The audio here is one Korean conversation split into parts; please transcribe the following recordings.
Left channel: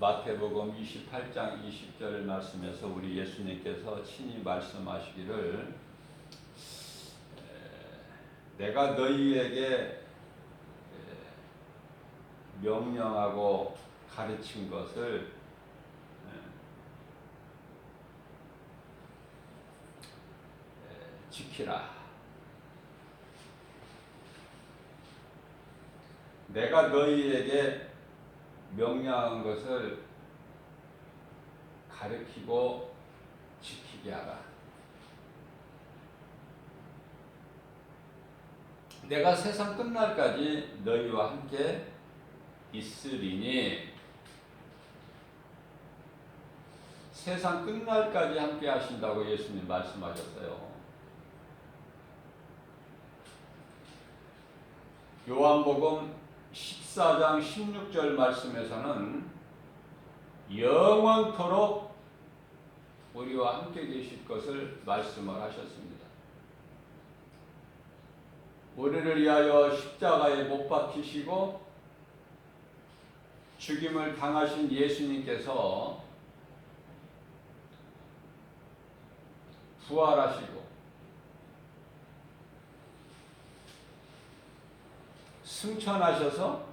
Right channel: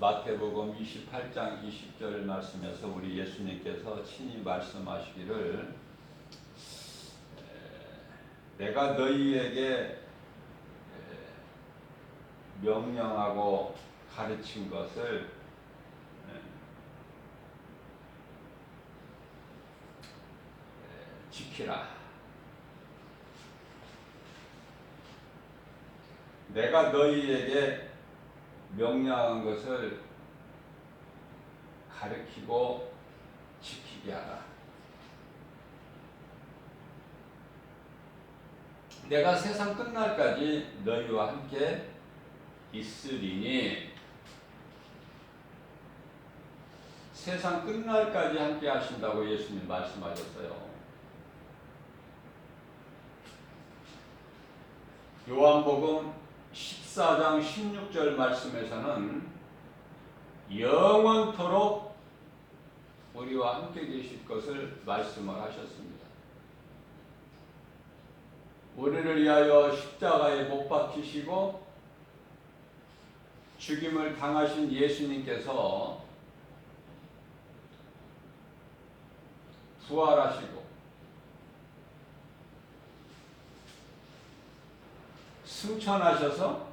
마태복음 28장 20절 말씀에서 우리 예수님께서 친히 말씀하시기를 내가 너희에게 명령하고 가르친 것을 지키라. 내가 너희에게 명령한 것을 가르치고 지키게 하라. 내가 세상 끝날까지 너희와 함께 있으리니, 세상 끝날까지 함께 하신다고 예수님 말씀하셨어요. 요한복음 14장 16절 말씀에서는 영원토록 우리와 함께 계실 것을 말씀을 하셨습니다. 우리를 위하여 십자가에 못 박히시고 죽임을 당하신 예수님께서 부활하시고 승천하셔서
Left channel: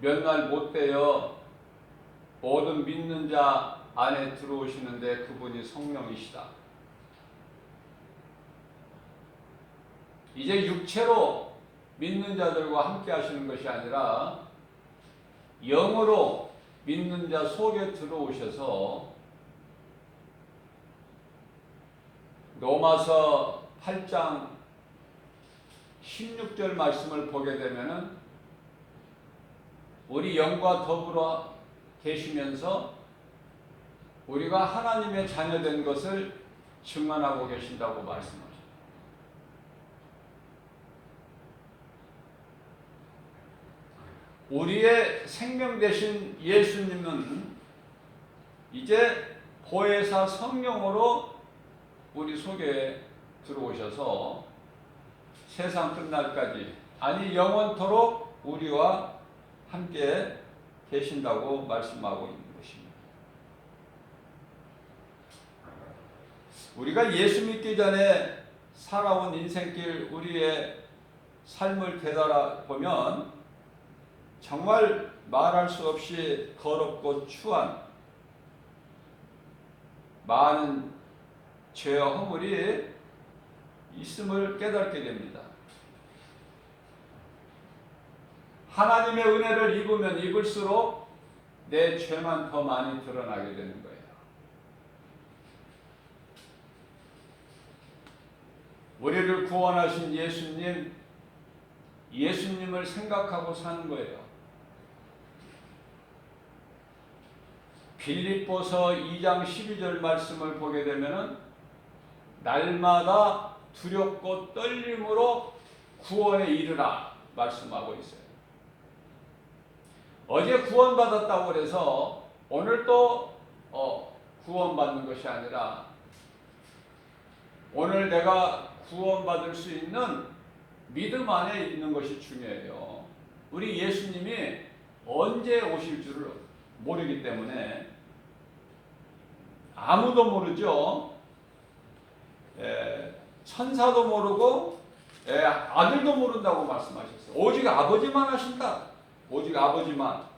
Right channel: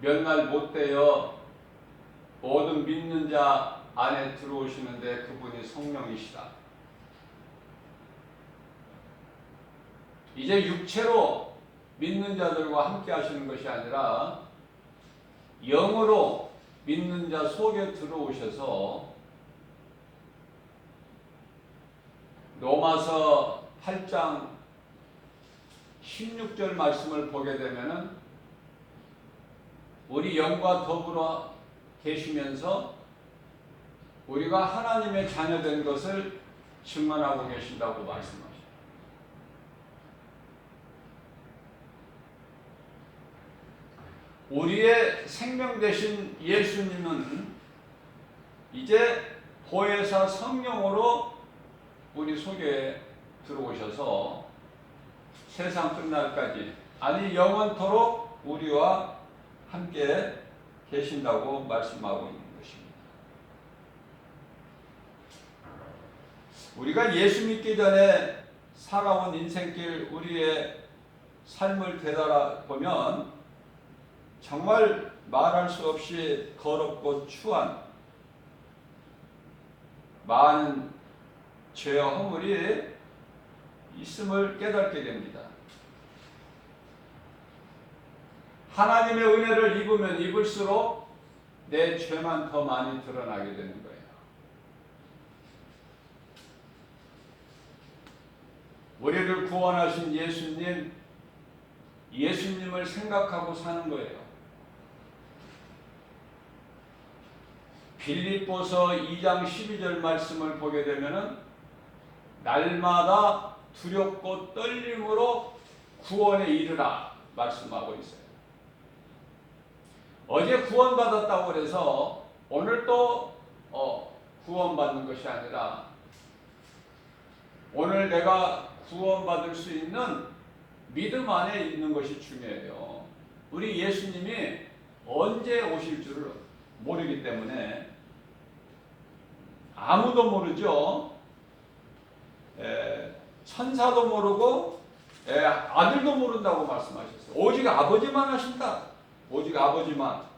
몇 날 못되어 모든 믿는 자 안에 들어오시는데 그분이 성령이시다. 이제 육체로 믿는 자들과 함께 하시는 것이 아니라 영으로 믿는 자 속에 들어오셔서 로마서 8장 16절 말씀을 보게 되면은 우리 영과 더불어 계시면서 우리가 하나님의 자녀된 것을 증언하고 계신다고 말씀하십니다. 우리의 생명 되신 예수님은 이제 보혜사 성령으로 우리 속에 들어오셔서 세상 끝날까지, 아니 영원토록 우리와 함께 계신다고 말씀하고 있는 것입니다. 우리가 예수 믿기 전에 살아온 인생길, 우리의 삶을 되돌아보면 정말 말할 수 없이 더럽고 추한 많은 죄와 허물이 있음을 깨닫게 됩니다. 하나님의 은혜를 입으면 입을수록 내 죄만 더 많이 드러나게 되는 거예요. 우리를 구원하신 예수님을 생각하고 사는 거예요. 빌립보서 2장 12절 말씀을 보게 되면은 날마다 두렵고 떨림으로 구원에 이르라 말씀하고 있어요. 어제 구원받았다고 해서 오늘 또 구원받는 것이 아니라 오늘 내가 구원받을 수 있는 믿음 안에 있는 것이 중요해요. 우리 예수님이 언제 오실 줄을 모르기 때문에 아무도 모르죠. 천사도 모르고 아들도 모른다고 말씀하셨어요. 오직 아버지만 하신다. 오직 아버지만.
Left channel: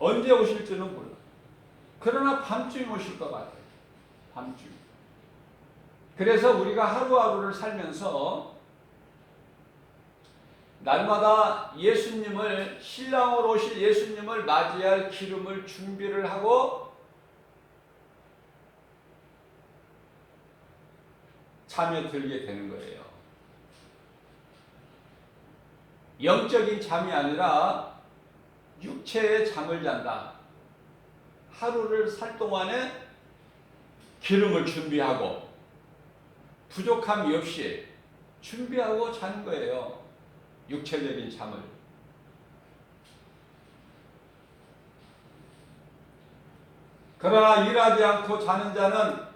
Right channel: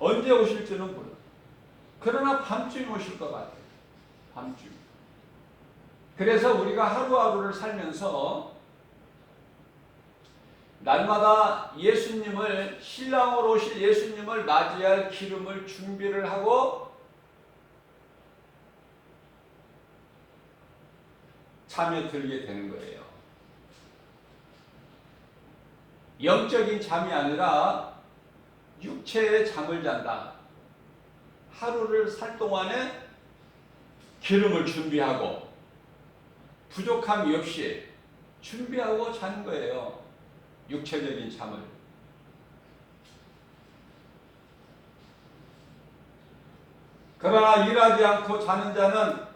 언제 오실지는 모르고. 그러나 밤중에 오실 것 같아요. 밤중. 그래서 우리가 하루하루를 살면서 날마다 예수님을, 신랑으로 오실 예수님을 맞이할 기름을 준비를 하고 잠에 들게 되는 거예요. 영적인 잠이 아니라 육체의 잠을 잔다. 하루를 살 동안에 기름을 준비하고 부족함이 없이 준비하고 자는 거예요. 육체적인 잠을. 그러나 일하지 않고 자는 자는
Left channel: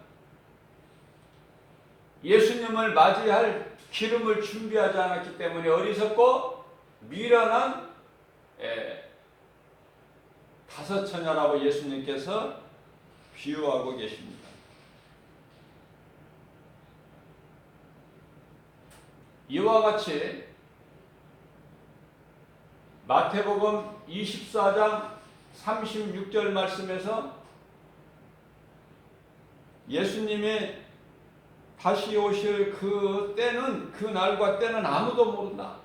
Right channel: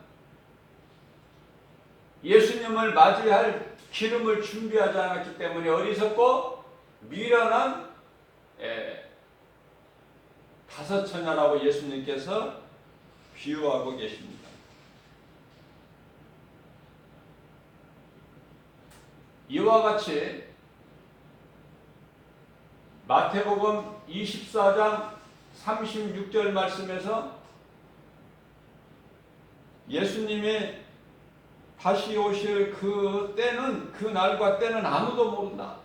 예수님을 맞이할 기름을 준비하지 않았기 때문에 어리석고 미련한 다섯 처녀라고 예수님께서 비유하고 계십니다. 이와 같이 마태복음 24장 36절 말씀에서 예수님이 다시 오실 그 때는, 그 날과 때는 아무도 모른다.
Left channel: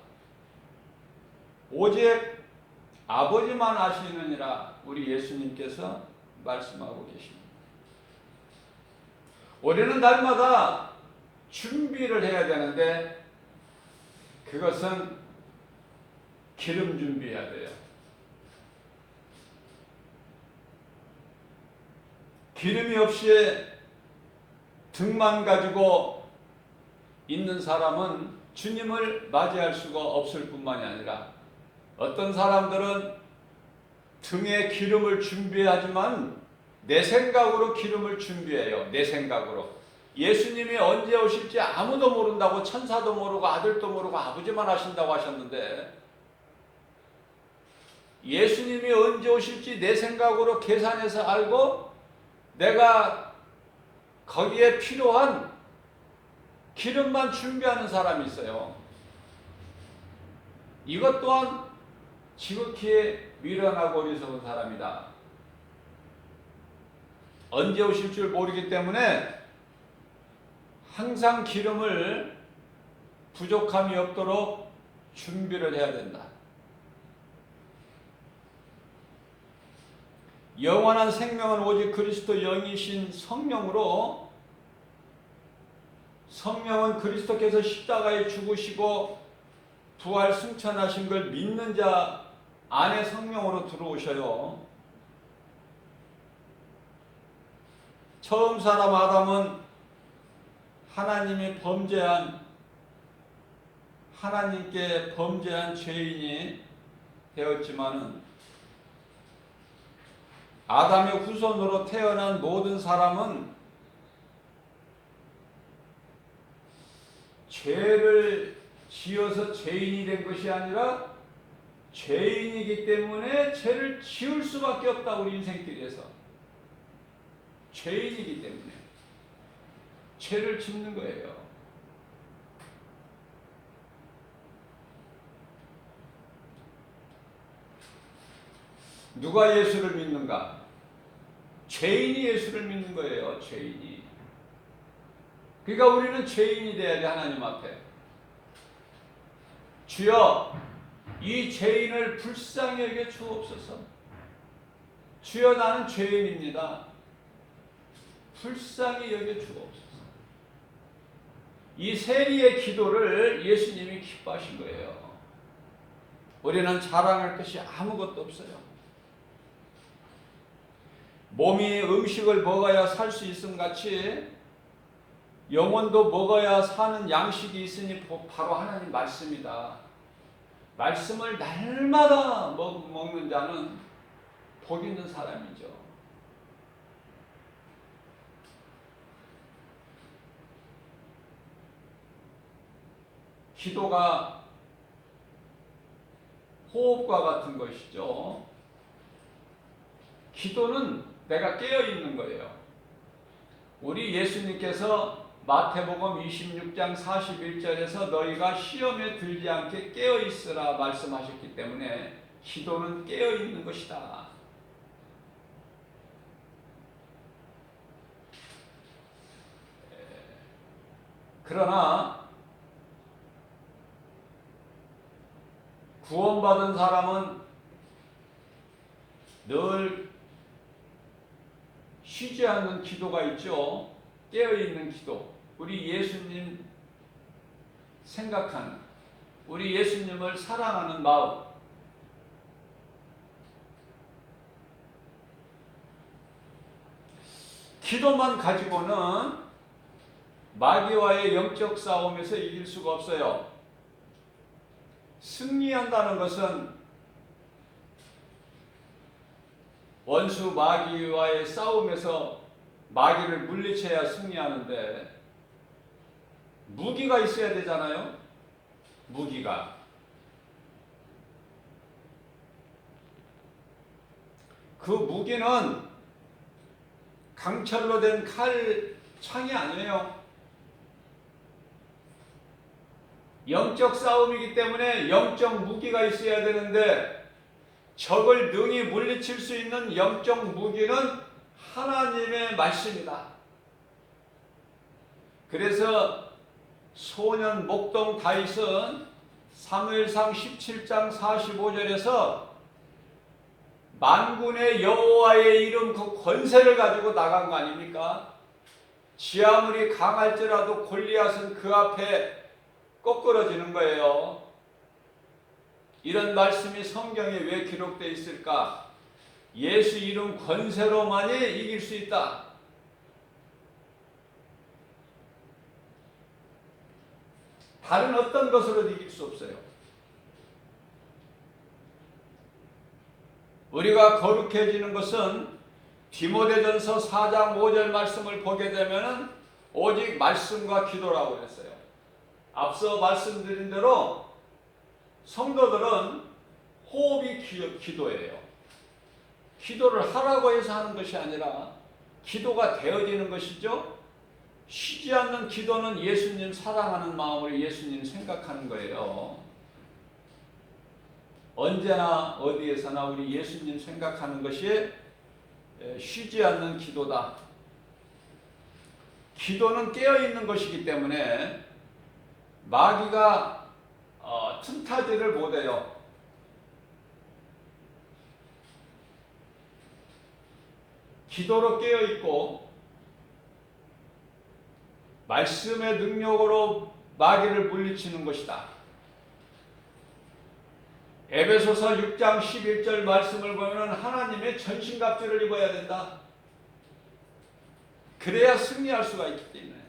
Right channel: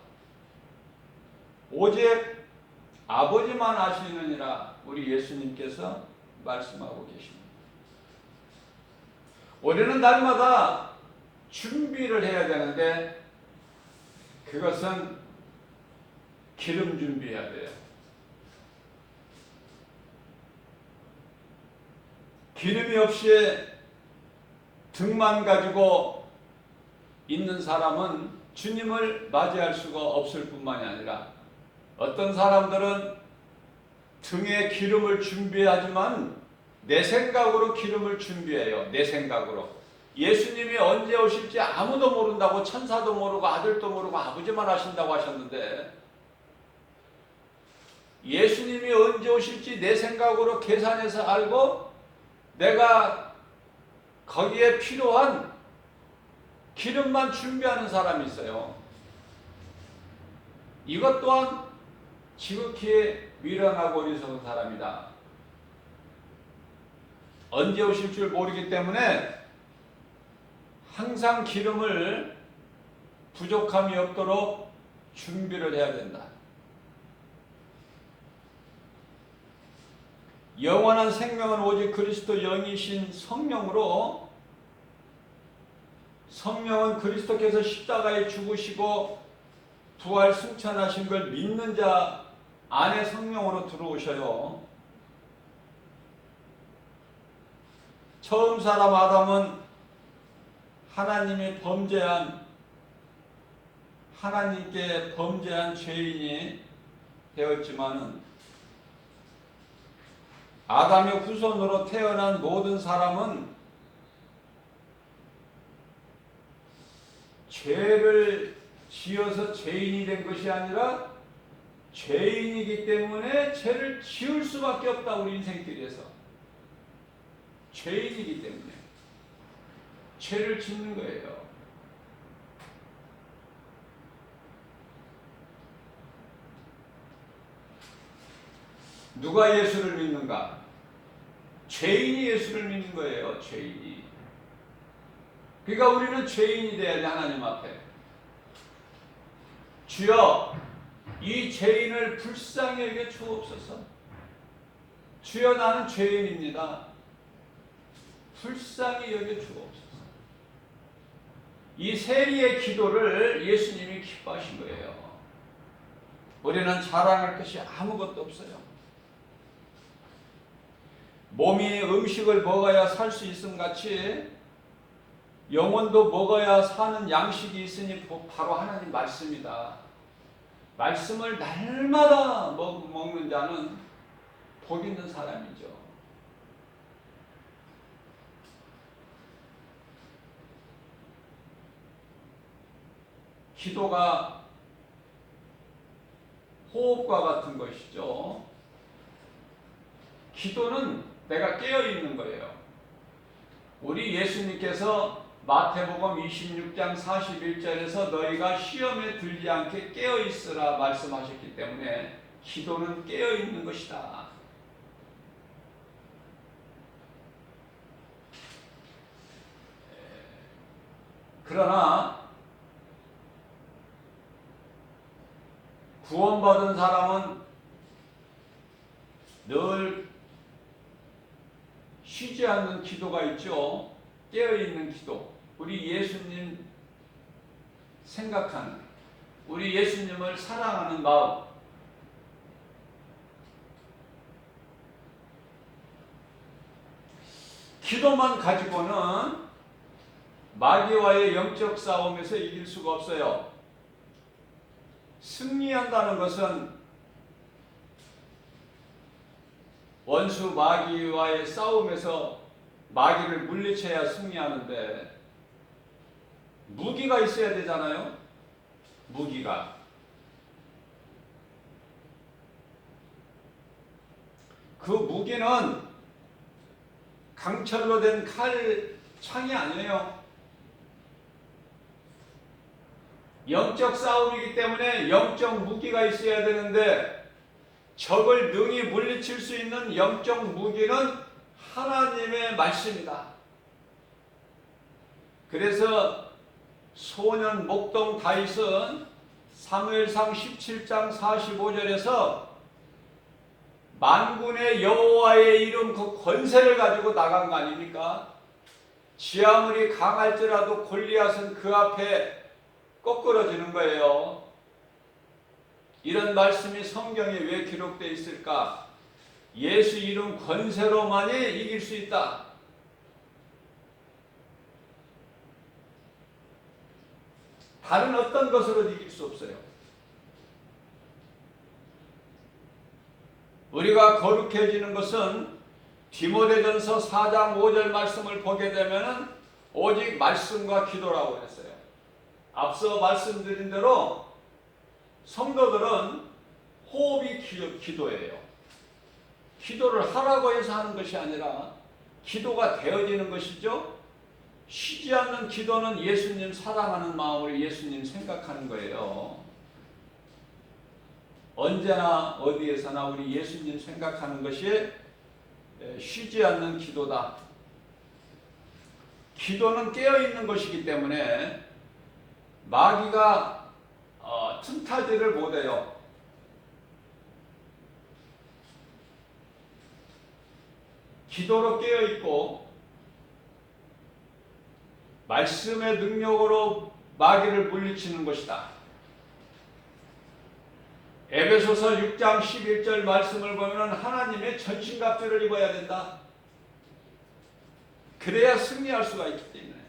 오직 아버지만 아시느니라 우리 예수님께서 말씀하고 계십니다. 우리는 날마다 준비를 해야 되는데 그것은 기름 준비해야 돼요. 기름이 없이 등만 가지고 있는 사람은 주님을 맞이할 수가 없을 뿐만이 아니라 어떤 사람들은 등에 기름을 준비하지만 내 생각으로 기름을 준비해요. 내 생각으로. 예수님이 언제 오실지 아무도 모른다고, 천사도 모르고 아들도 모르고 아버지만 아신다고 하셨는데 예수님이 언제 오실지 내 생각으로 계산해서 알고 내가 거기에 필요한 기름만 준비하는 사람이 있어요. 이것 또한 지극히 미련하고 어리석은 사람이다. 언제 오실 줄 모르기 때문에 항상 기름을 부족함이 없도록 준비를 해야 된다. 영원한 생명은 오직 그리스도 영이신 성령으로, 성령은 그리스도께서 십자가에 죽으시고 부활 승천하신 걸 믿는 자 안에 성령으로 들어오셔요. 처음 사람 아담은 하나님께 범죄한 죄인이 되었지만은 아담의 후손으로 태어난 모든 사람은 죄를 지어서 죄인이 된 것이 아니라 죄인이기 때문에 죄를 지을 수밖에 없다. 우리 인생길에서 죄인이기 때문에 죄를 짓는 거예요. 누가 예수를 믿는가? 죄인이 예수를 믿는 거예요. 죄인이. 그러니까 우리는 죄인이 돼야 돼. 하나님 앞에. 주여 이 죄인을 불쌍히 여겨 주옵소서. 주여 나는 죄인입니다. 불쌍히 여겨 주옵소서. 이 세리의 기도를 예수님이 기뻐하신 거예요. 우리는 자랑할 것이 아무것도 없어요. 몸이 음식을 먹어야 살 수 있음 같이 영혼도 먹어야 사는 양식이 있으니 바로 하나님 말씀이다. 말씀을 날마다 먹는 자는 복 있는 사람이죠. 기도가 호흡과 같은 것이죠. 기도는 내가 깨어있는 거예요. 우리 예수님께서 마태복음 26장 41절에서 너희가 시험에 들지 않게 깨어있으라 말씀하셨기 때문에 기도는 깨어있는 것이다. 그러나 구원받은 사람은 늘 쉬지 않는 기도가 있죠. 깨어있는 기도. 우리 예수님 생각하는, 우리 예수님을 사랑하는 마음. 기도만 가지고는 마귀와의 영적 싸움에서 이길 수가 없어요. 승리한다는 것은 원수 마귀와의 싸움에서 마귀를 물리쳐야 승리하는데 무기가 있어야 되잖아요. 무기가. 그 무기는 강철로 된 창이 아니에요. 영적 싸움이기 때문에 영적 무기가 있어야 되는데 적을 능히 물리칠 수 있는 영적 무기는 하나님의 말씀이다. 그래서 소년 목동 다윗은 사무엘상 17장 45절에서 만군의 여호와의 이름 그 권세를 가지고 나간 거 아닙니까? 지 아무리 강할지라도 골리앗은 그 앞에 꺾어지는 거예요. 이런 말씀이 성경에 왜 기록되어 있을까? 예수 이름 권세로만이 이길 수 있다. 다른 어떤 것으로 이길 수 없어요. 우리가 거룩해지는 것은 디모데전서 4장 5절 말씀을 보게 되면 오직 말씀과 기도라고 했어요. 앞서 말씀드린 대로 성도들은 호흡이 기도예요. 기도를 하라고 해서 하는 것이 아니라 기도가 되어지는 것이죠. 쉬지 않는 기도는 예수님 사랑하는 마음으로 예수님 생각하는 거예요. 언제나 어디에서나 우리 예수님 생각하는 것이 쉬지 않는 기도다. 기도는 깨어있는 것이기 때문에 마귀가 틈타지를 못해요. 기도로 깨어있고 말씀의 능력으로 마귀를 물리치는 것이다. 에베소서 6장 11절 말씀을 보면 하나님의 전신갑주를 입어야 된다. 그래야 승리할 수가 있기 때문에.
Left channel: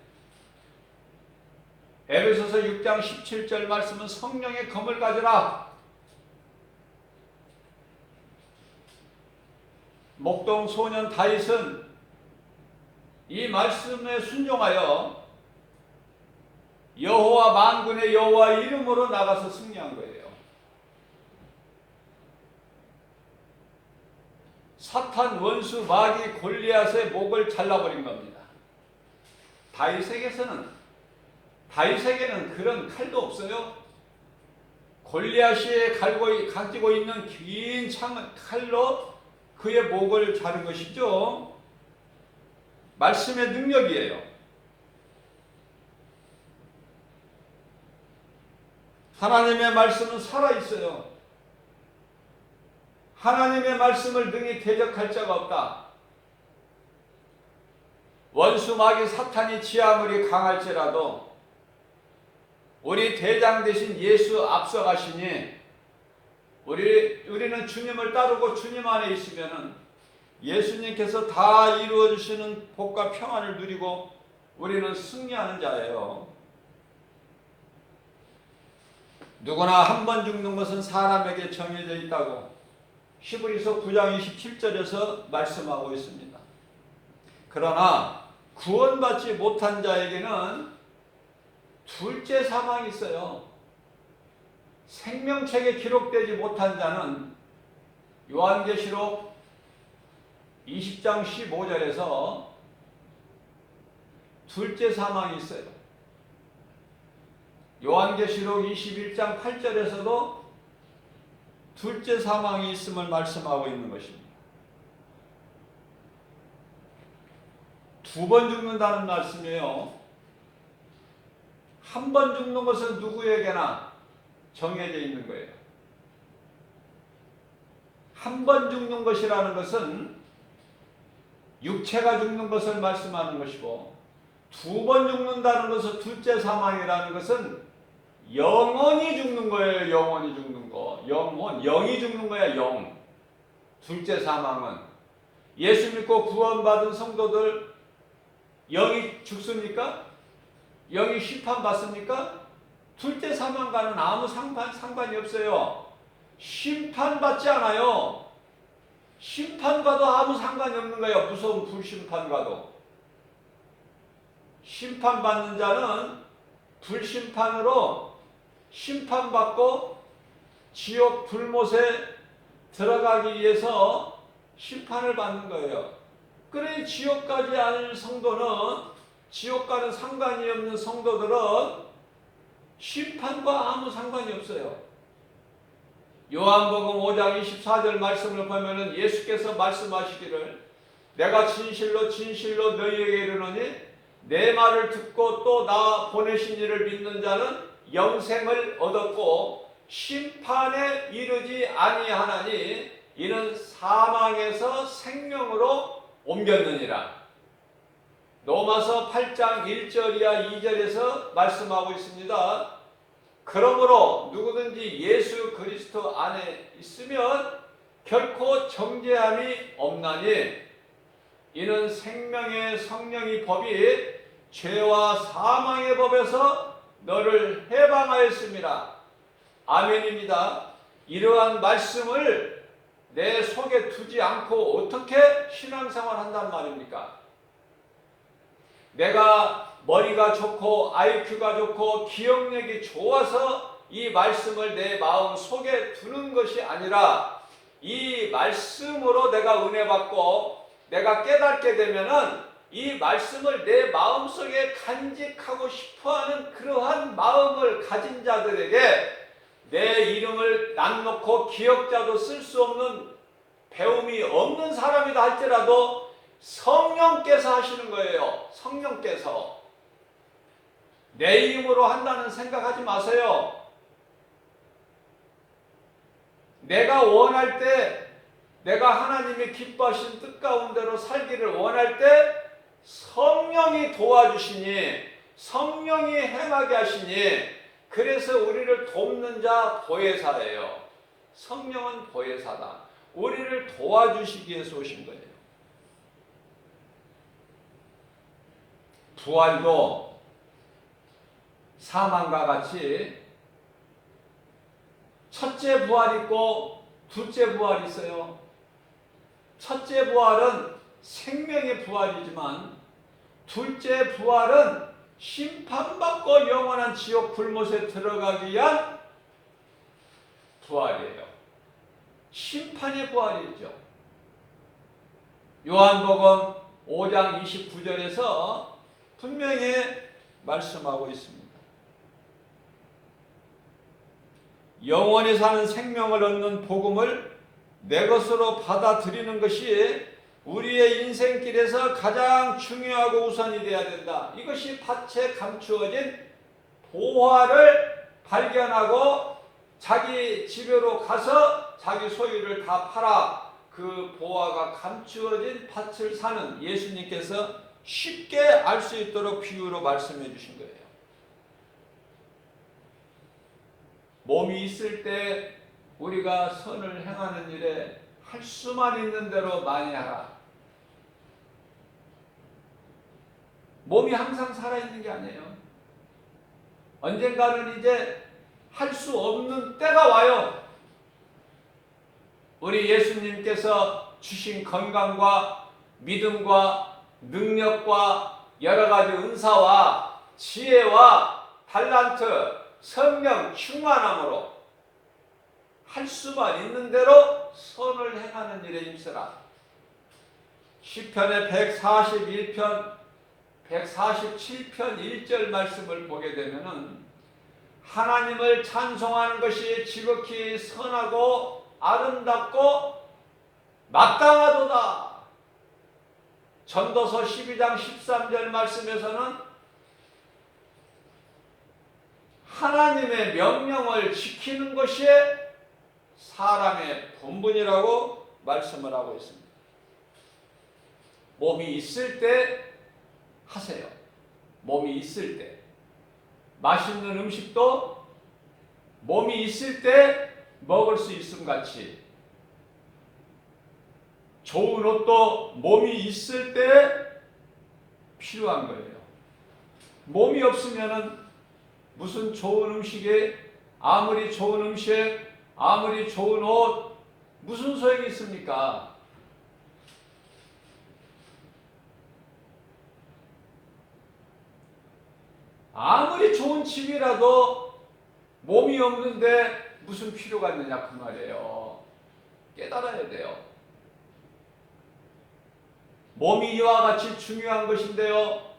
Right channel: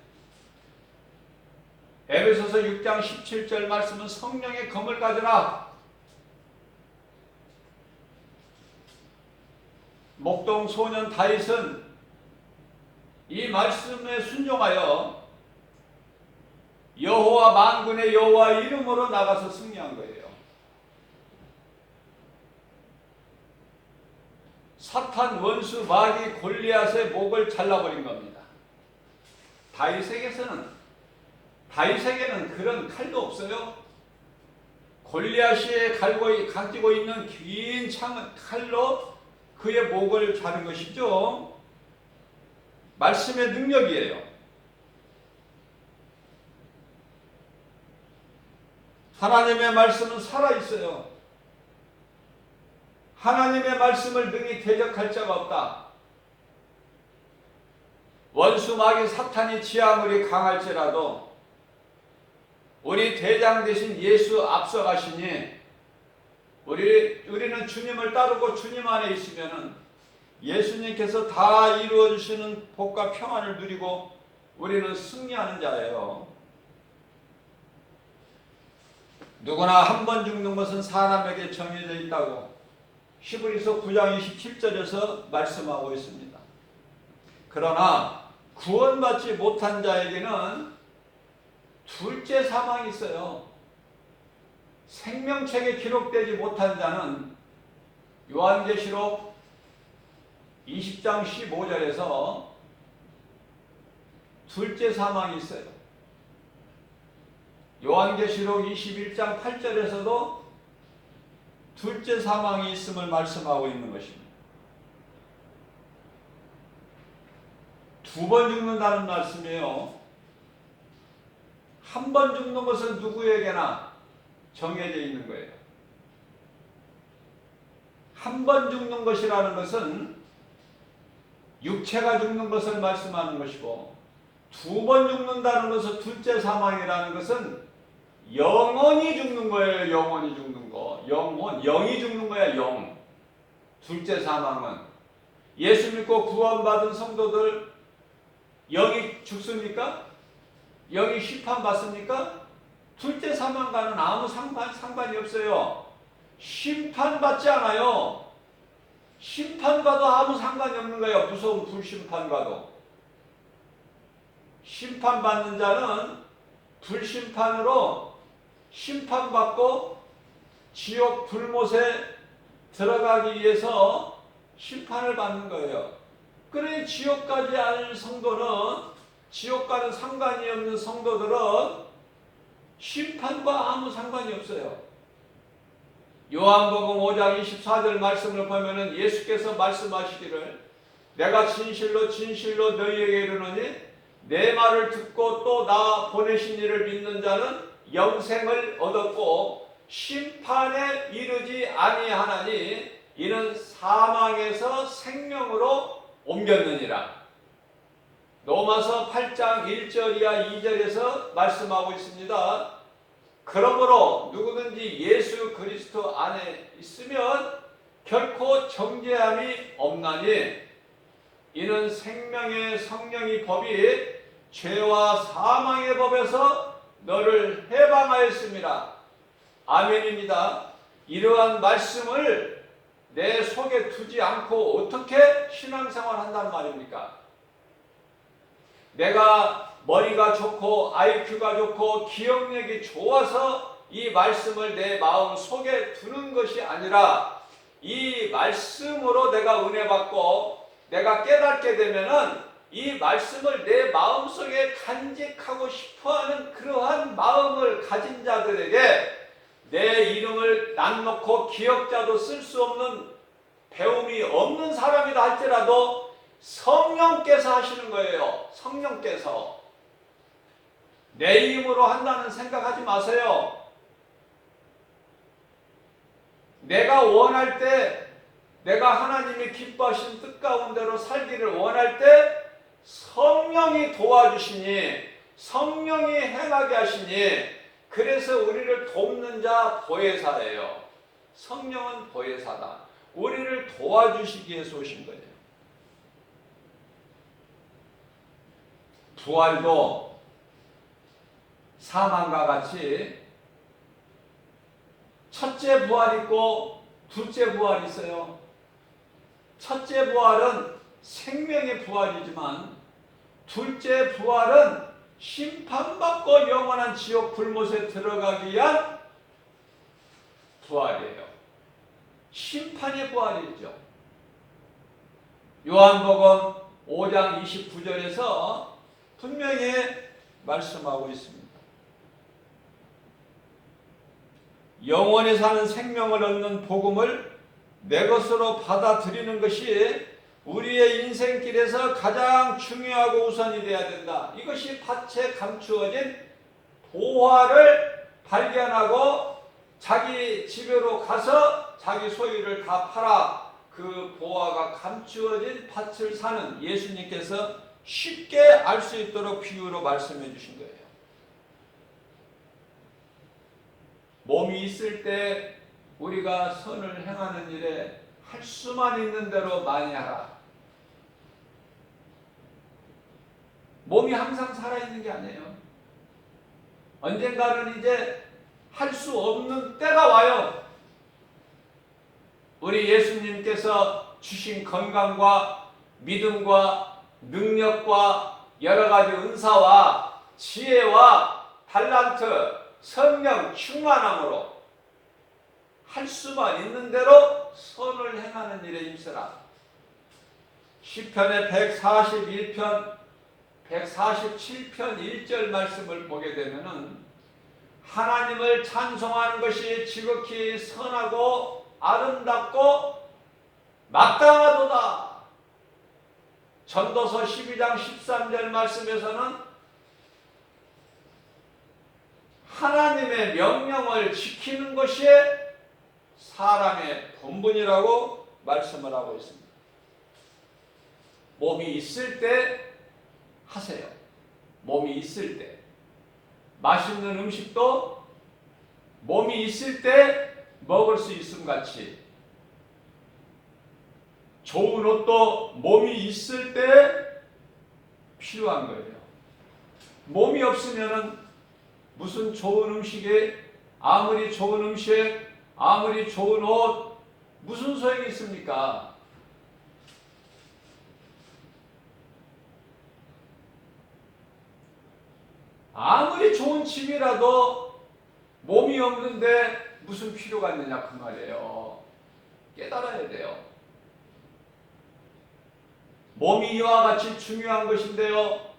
에베소서 6장 17절 말씀은 성령의 검을 가져라. 목동 소년 다윗은 이 말씀에 순종하여 여호와 만군의 여호와 이름으로 나가서 승리한 거예요. 사탄 원수 마귀 골리앗의 목을 잘라버린 겁니다. 다윗에게는 그런 칼도 없어요. 골리앗이 가지고 있는 긴 칼로 그의 목을 자른 것이죠. 말씀의 능력이에요. 하나님의 말씀은 살아있어요. 하나님의 말씀을 능히 대적할 자가 없다. 원수 마귀 사탄이 지 아무리 강할지라도 우리 대장 되신 예수 앞서가시니 우리는 주님을 따르고 주님 안에 있으면 예수님께서 다 이루어주시는 복과 평안을 누리고 우리는 승리하는 자예요. 누구나 한 번 죽는 것은 사람에게 정해져 있다고 히브리서 9장 27절에서 말씀하고 있습니다. 그러나 구원받지 못한 자에게는 둘째 사망이 있어요. 생명책에 기록되지 못한 자는 요한계시록 20장 15절에서 둘째 사망이 있어요. 요한계시록 21장 8절에서도 둘째 사망이 있음을 말씀하고 있는 것입니다. 두 번 죽는다는 말씀이에요. 한 번 죽는 것은 누구에게나 정해져 있는 거예요. 한 번 죽는 것이라는 것은 육체가 죽는 것을 말씀하는 것이고, 두 번 죽는다는 것은 둘째 사망이라는 것은 영원히 죽는 거예요. 영원히 죽는 거. 영이 죽는 거야. 영. 둘째 사망은 예수 믿고 구원받은 성도들 영이 죽습니까? 영이 심판받습니까? 둘째 사망과는 아무 상관이 없어요. 심판받지 않아요. 심판과도 아무 상관이 없는 거예요. 무서운 불심판과도. 심판받는 자는 불심판으로 심판받고 지옥 불못에 들어가기 위해서 심판을 받는 거예요. 그래 지옥 가지 않을 성도는, 지옥과는 상관이 없는 성도들은 심판과 아무 상관이 없어요. 요한복음 5장 24절 말씀을 보면은 예수께서 말씀하시기를 내가 진실로 진실로 너희에게 이르노니 내 말을 듣고 또 나 보내신 이를 믿는 자는 영생을 얻었고 심판에 이르지 아니하나니 이는 사망에서 생명으로 옮겼느니라. 로마서 8장 1절이야 2절에서 말씀하고 있습니다. 그러므로 누구든지 예수 그리스도 안에 있으면 결코 정죄함이 없나니 이는 생명의 성령의 법이 죄와 사망의 법에서 너를 해방하였습니다. 아멘입니다. 이러한 말씀을 내 속에 두지 않고 어떻게 신앙생활 한단 말입니까? 내가 머리가 좋고 IQ가 좋고 기억력이 좋아서 이 말씀을 내 마음 속에 두는 것이 아니라 이 말씀으로 내가 은혜 받고 내가 깨닫게 되면은 이 말씀을 내 마음속에 간직하고 싶어하는 그러한 마음을 가진 자들에게 내 이름을 낯놓고 기억자도 쓸 수 없는 배움이 없는 사람이다 할지라도 성령께서 하시는 거예요. 성령께서. 내 힘으로 한다는 생각하지 마세요. 내가 원할 때, 내가 하나님이 기뻐하신 뜻 가운데로 살기를 원할 때 성령이 도와주시니, 성령이 행하게 하시니, 그래서 우리를 돕는 자 보혜사예요. 성령은 보혜사다. 우리를 도와주시기 위해서 오신 거예요. 부활도 사망과 같이 첫째 부활이 있고 둘째 부활이 있어요. 첫째 부활은 생명의 부활이지만 둘째 부활은 심판받고 영원한 지옥 불못에 들어가기 위한 부활이에요. 심판의 부활이죠. 요한복음 5장 29절에서 분명히 말씀하고 있습니다. 영원히 사는 생명을 얻는 복음을 내 것으로 받아들이는 것이 우리의 인생길에서 가장 중요하고 우선이 되어야 된다. 이것이 밭에 감추어진 보화를 발견하고 자기 집으로 가서 자기 소유를 다 팔아 그 보화가 감추어진 밭을 사는 예수님께서 쉽게 알 수 있도록 비유로 말씀해 주신 거예요. 몸이 있을 때 우리가 선을 행하는 일에 할 수만 있는 대로 많이 하라. 몸이 항상 살아있는 게 아니에요. 언젠가는 이제 할 수 없는 때가 와요. 우리 예수님께서 주신 건강과 믿음과 능력과 여러 가지 은사와 지혜와 달란트, 성령 충만함으로 할 수만 있는 대로 선을 행하는 일에 힘쓰라. 시편의 141편, 147편 1절 말씀을 보게 되면은 하나님을 찬송하는 것이 지극히 선하고 아름답고 마땅하도다. 전도서 12장 13절 말씀에서는 하나님의 명령을 지키는 것이 사람의 본분이라고 말씀을 하고 있습니다. 몸이 있을 때 하세요. 몸이 있을 때. 맛있는 음식도 몸이 있을 때 먹을 수 있음 같이 좋은 옷도 몸이 있을 때 필요한 거예요. 몸이 없으면은 무슨 좋은 음식에 아무리 좋은 음식, 아무리 좋은 옷 무슨 소용이 있습니까? 아무리 좋은 집이라도 몸이 없는데 무슨 필요가 있느냐 그 말이에요. 깨달아야 돼요. 몸이 이와 같이 중요한 것인데요.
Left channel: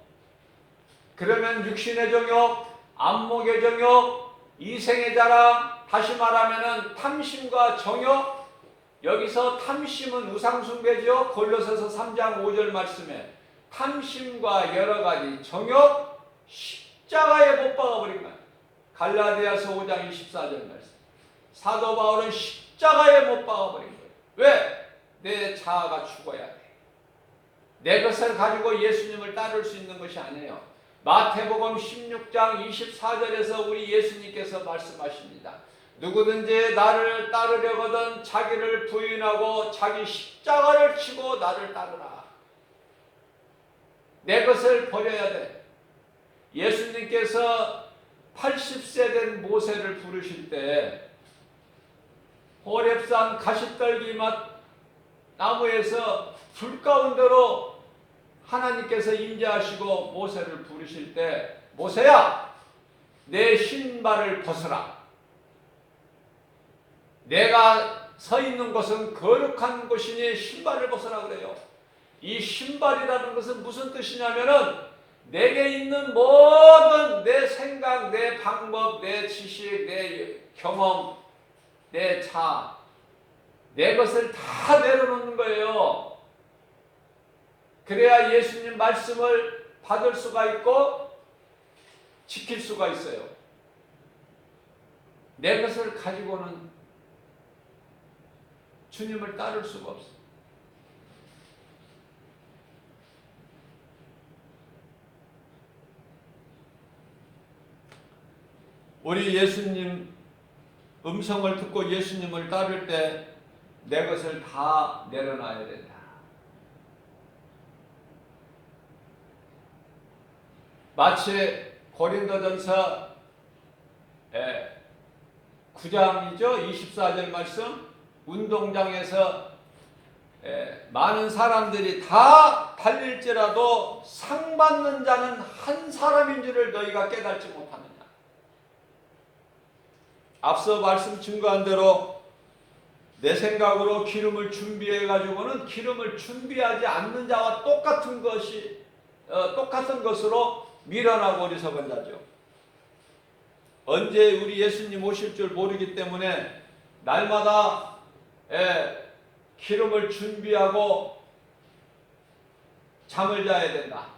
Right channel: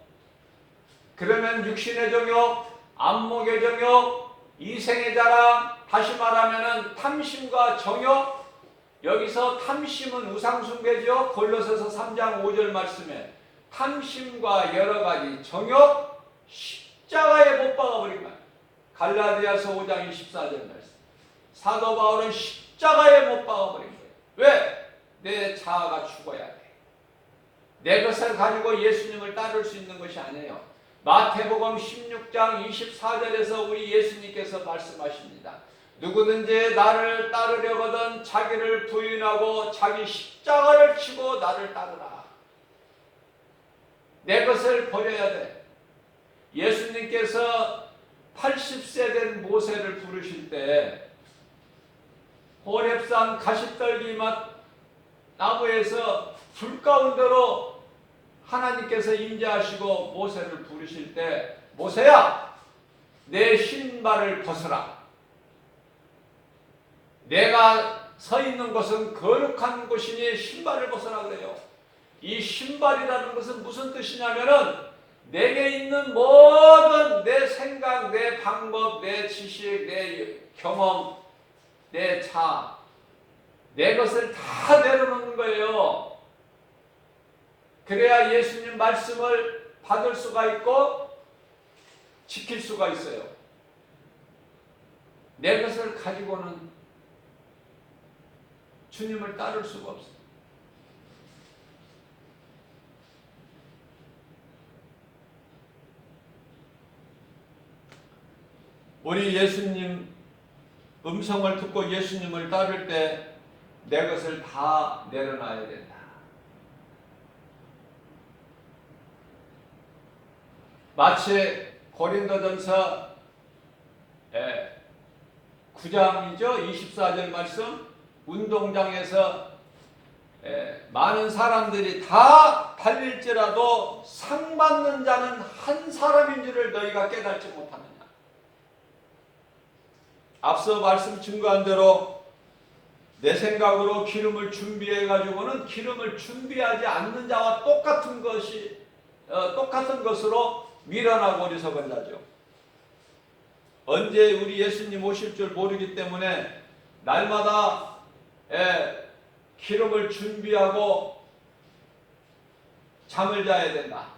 그러면 육신의 정욕, 안목의 정욕, 이생의 자랑, 다시 말하면 탐심과 정욕, 여기서 탐심은 우상숭배죠. 골로새서 3장 5절 말씀에 탐심과 여러 가지 정욕, 십자가에 못 박아버린 거야. 갈라디아서 5장 24절 말씀. 사도 바울은 십자가에 못 박아버린 거예요. 왜? 내 자아가 죽어야 돼. 내 것을 가지고 예수님을 따를 수 있는 것이 아니에요. 마태복음 16장 24절에서 우리 예수님께서 말씀하십니다. 누구든지 나를 따르려거든 자기를 부인하고 자기 십자가를 치고 나를 따르라. 내 것을 버려야 돼. 예수님께서 80세 된 모세를 부르실 때 호렙산 가시떨기 맛 나무에서 불 가운데로 하나님께서 인자하시고 모세를 부르실 때 모세야 내 신발을 벗어라. 내가 서 있는 것은 거룩한 곳이니 신발을 벗어라 그래요. 이 신발이라는 것은 무슨 뜻이냐면은 내게 있는 모든 내 생각, 내 방법, 내 지식, 내 경험, 내 자, 내 것을 다 내려놓는 거예요. 그래야 예수님 말씀을 받을 수가 있고 지킬 수가 있어요. 내 것을 가지고는 주님을 따를 수가 없어요. 우리 예수님 음성을 듣고 예수님을 따를 때 내 것을 다 내려놔야 된다. 마치 고린도전서 9장이죠. 24절 말씀. 운동장에서 많은 사람들이 다 달릴지라도 상 받는 자는 한 사람인 줄을 너희가 깨닫지 못하느냐. 앞서 말씀 증거한 대로 내 생각으로 기름을 준비해 가지고는 기름을 준비하지 않는 자와 똑같은 것으로 밀어나고 어리석은 자죠. 언제 우리 예수님 오실 줄 모르기 때문에 날마다 기름을 준비하고 잠을 자야 된다.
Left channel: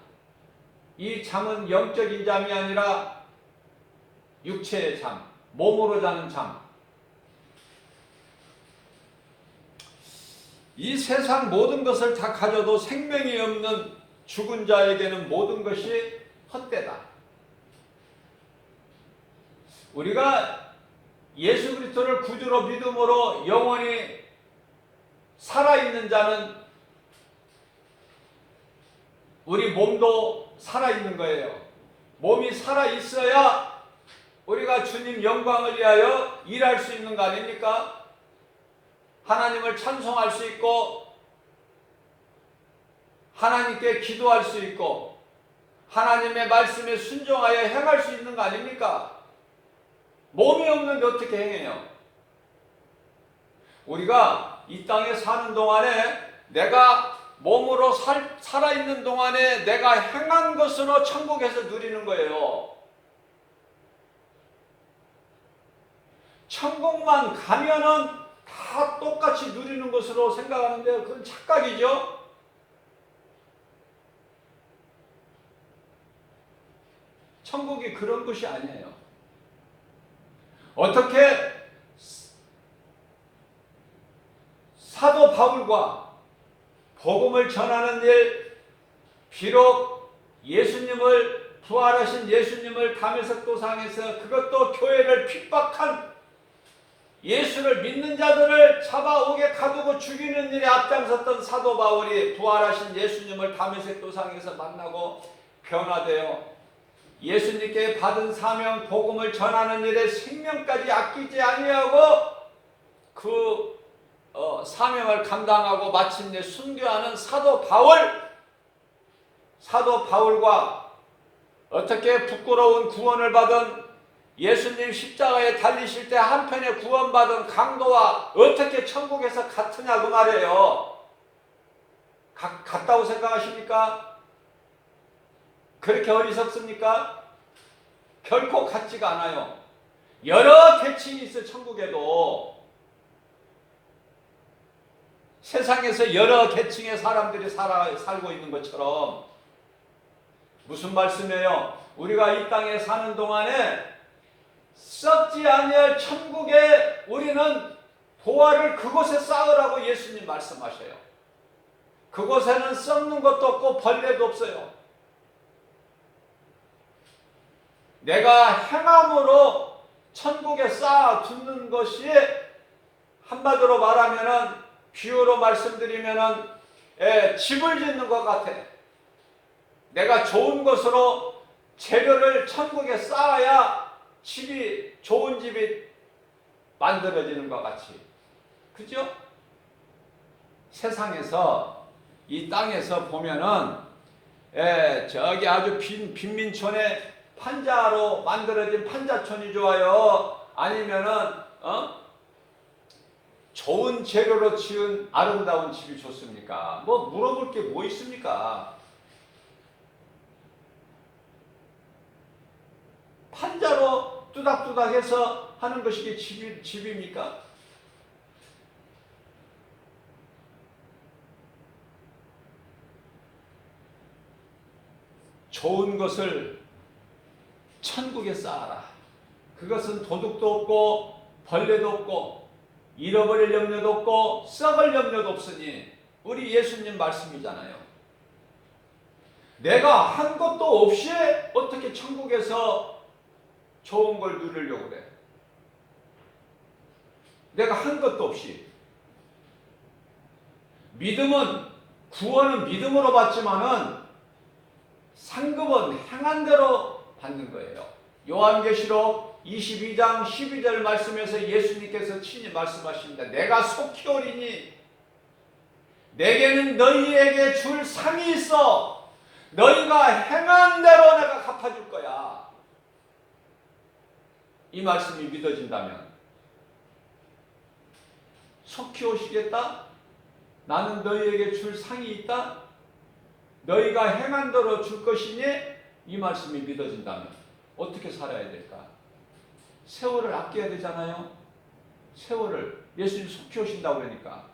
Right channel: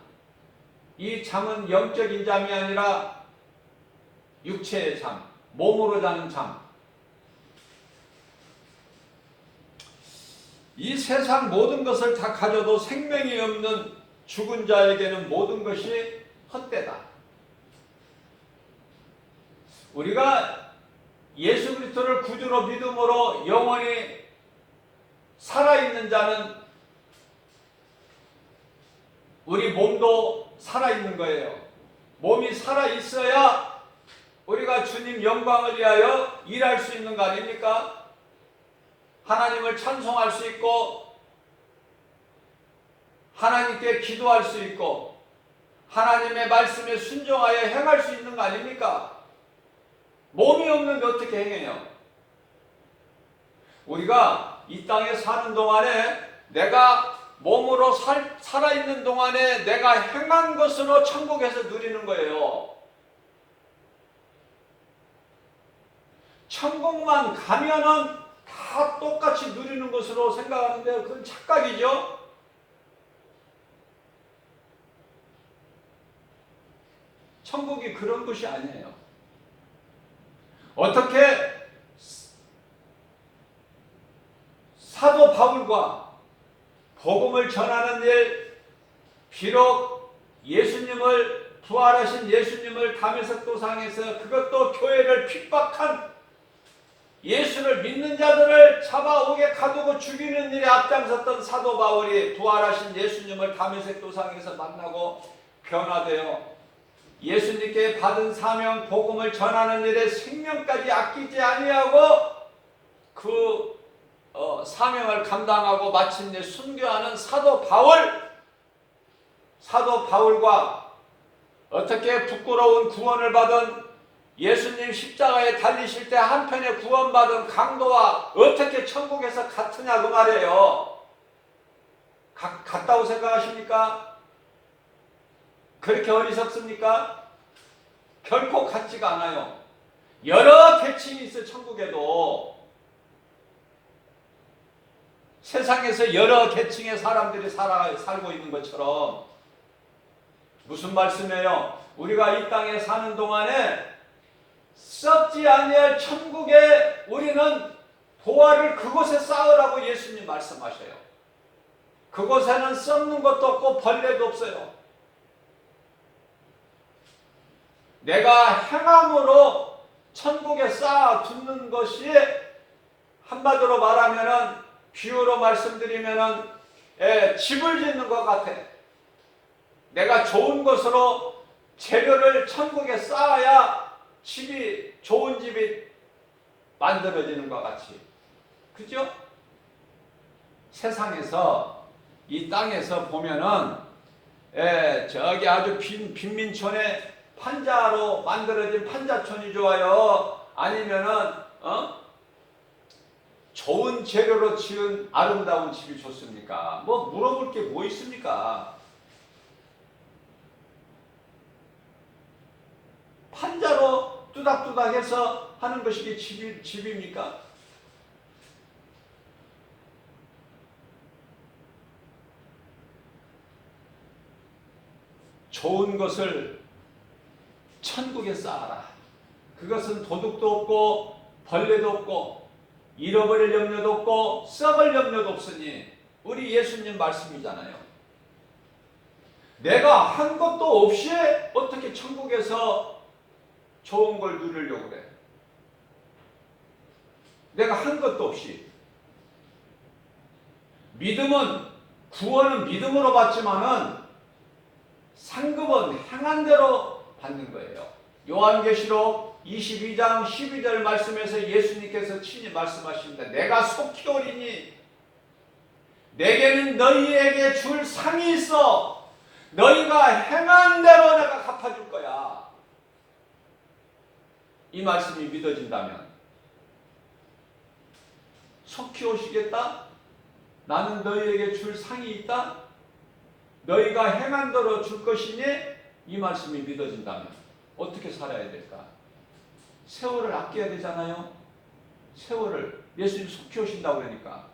이 잠은 영적인 잠이 아니라 육체의 잠, 몸으로 자는 잠. 이 세상 모든 것을 다 가져도 생명이 없는 죽은 자에게는 모든 것이 헛되다. 우리가 예수 그리스도를 구주로 믿음으로 영원히 살아있는 자는 우리 몸도 살아있는 거예요. 몸이 살아있어야 우리가 주님 영광을 위하여 일할 수 있는 거 아닙니까? 하나님을 찬송할 수 있고 하나님께 기도할 수 있고 하나님의 말씀에 순종하여 행할 수 있는 거 아닙니까? 몸이 없는데 어떻게 행해요? 우리가 이 땅에 사는 동안에 내가 몸으로 살아있는 동안에 내가 행한 것으로 천국에서 누리는 거예요. 천국만 가면은 다 똑같이 누리는 것으로 생각하는데 그건 착각이죠. 천국이 그런 것이 아니에요. 어떻게 사도 바울과 복음을 전하는 일, 비록 예수님을 부활하신 예수님을 다메섹 도상에서 그것도 교회를 핍박한 예수를 믿는 자들을 잡아오게 가두고 죽이는 일에 앞장섰던 사도 바울이 부활하신 예수님을 다메섹 도상에서 만나고 변화되어 예수님께 받은 사명 복음을 전하는 일에 생명까지 아끼지 아니하고 그 사명을 감당하고 마침내 순교하는 사도 바울과 어떻게 부끄러운 구원을 받은 예수님 십자가에 달리실 때 한편에 구원받은 강도와 어떻게 천국에서 같으냐 그 말이에요. 같다고 생각하십니까? 그렇게 어리석습니까? 결코 같지가 않아요. 여러 계층이 있어. 천국에도 세상에서 여러 계층의 사람들이 살고 있는 것처럼. 무슨 말씀이에요? 우리가 이 땅에 사는 동안에 썩지 아니할 천국에 우리는 보화를 그곳에 쌓으라고 예수님 말씀하셔요. 그곳에는 썩는 것도 없고 벌레도 없어요. 내가 행함으로 천국에 쌓아두는 것이, 한마디로 말하면은, 비유로 말씀드리면은, 집을 짓는 것 같아. 내가 좋은 것으로 재료를 천국에 쌓아야 좋은 집이 만들어지는 것 같이. 그죠? 세상에서, 이 땅에서 보면은, 저기 아주 빈민촌에 판자로 만들어진 판자촌이 좋아요? 아니면은, 좋은 재료로 지은 아름다운 집이 좋습니까? 뭐 물어볼 게 뭐 있습니까? 판자로 뚜닥뚜닥해서 하는 것이 집입니까? 좋은 것을 천국에 쌓아라. 그것은 도둑도 없고 벌레도 없고 잃어버릴 염려도 없고 썩을 염려도 없으니, 우리 예수님 말씀이잖아요. 내가 한 것도 없이 어떻게 천국에서 좋은 걸 누리려고 그래? 내가 한 것도 없이. 믿음은, 구원은 믿음으로 받지만은 상급은 행한 대로 받는 거예요. 요한계시록 22장 12절 말씀에서 예수님께서 친히 말씀하십니다. 내가 속히 오리니 내게는 너희에게 줄 상이 있어. 너희가 행한 대로 내가 갚아줄 거야. 이 말씀이 믿어진다면, 속히 오시겠다? 나는 너희에게 줄 상이 있다? 너희가 행한 대로 줄 것이니? 이 말씀이 믿어진다면 어떻게 살아야 될까? 세월을 아껴야 되잖아요. 세월을. 예수님 속히 오신다고 그러니까.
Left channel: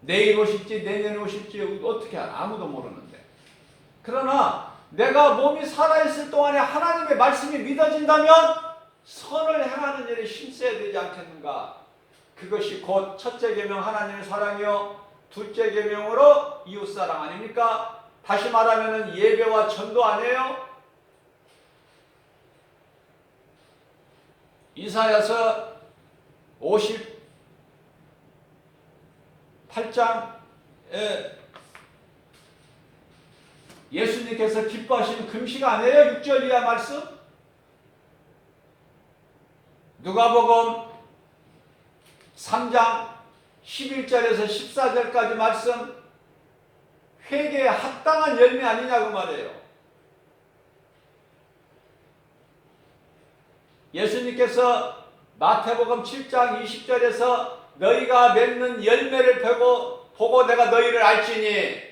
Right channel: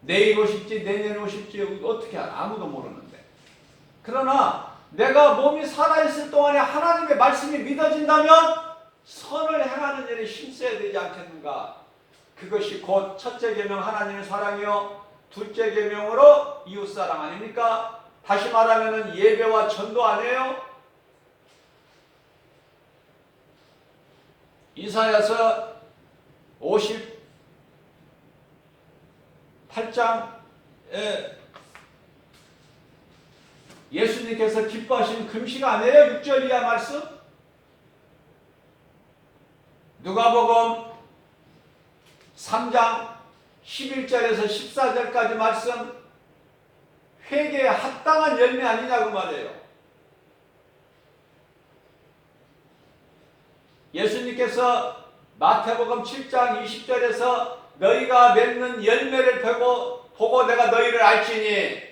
내일 오실지 내년 오실지 어떻게 아무도 모르는데. 그러나 내가 몸이 살아있을 동안에 하나님의 말씀이 믿어진다면 선을 행하는 일에 힘써야 되지 않겠는가? 그것이 곧 첫째 계명 하나님의 사랑이요, 둘째 계명으로 이웃사랑 아닙니까? 다시 말하면 예배와 전도 아니에요? 이사야서 58장에 예수님께서 기뻐하시는 금식 아니에요? 6절 이하 말씀? 누가복음 3장 11절에서 14절까지 말씀, 회개에 합당한 열매 아니냐고 말이에요. 예수님께서 마태복음 7장 20절에서 너희가 맺는 열매를 보고 내가 너희를 알지니,